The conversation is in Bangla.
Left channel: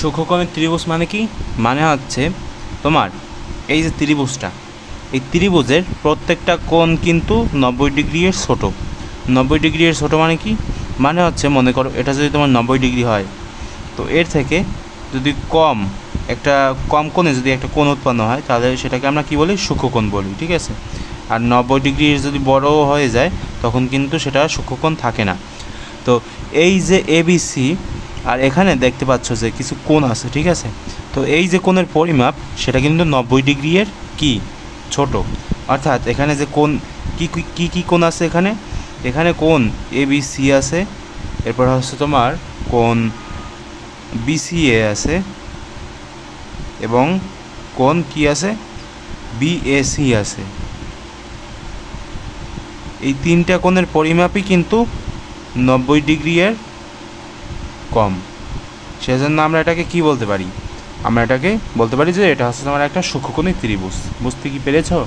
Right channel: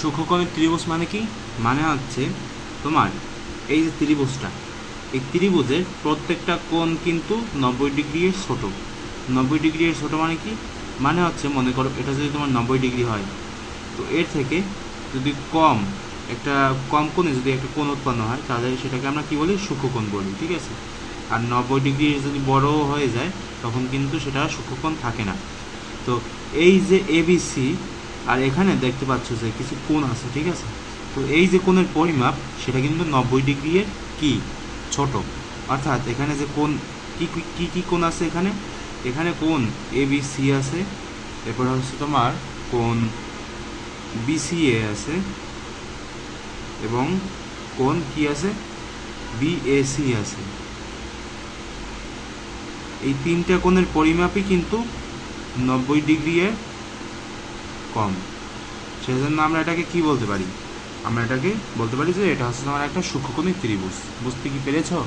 সূক্ষ্মকোণের ত্রিভুজ মানে কি? মানে হচ্ছে তোমার এই যে ত্রিভুজটা, এই ত্রিভুজের প্রত্যেকটা কোণ কিন্তু 90 ডিগ্রি এর ছোট। 90 ডিগ্রি এর ছোট মানে কি? মানে হচ্ছে মনে করো এটা যদি তোমার 90 ডিগ্রি হয়, তো এর থেকে যদি একটা কম কোণে যদি একটা কোণ উৎপন্ন হয়, তাহলে সেটাকে আমরা কি বলি? সূক্ষ্মকোণ বলি, ঠিক আছে। আর 90 ডিগ্রি যদি বড় হয়ে যায়, তখন কিন্তু সেটা সূক্ষ্মকোণ থাকে না। তো এই যে এবিসি, আর এখানে দেখতে পাচ্ছ যে কিছু কোণ আছে, ঠিক আছে। তো এই যে কোণের পরিমাপ, সেটা কিন্তু 90 ডিগ্রি এর কি ছোট। অর্থাৎ এখানে যে কোণ কি কোণ আছে, এখানে কোণ এবিসি আছে, এরপর হচ্ছে তোমার কোণ বিসিএ আছে, এবং কোণ কি আছে? বিএসি আছে। এই তিনটা কোণের পরিমাপই কিন্তু 90 ডিগ্রি এর কম। সেজন্য আমরা এটাকে কি বলতে পারি? আমরা এটাকে বলতে পারি যে এটা হচ্ছে তোমার একটা সূক্ষ্মকোণী ত্রিভুজ। বুঝতে কি পেরেছো?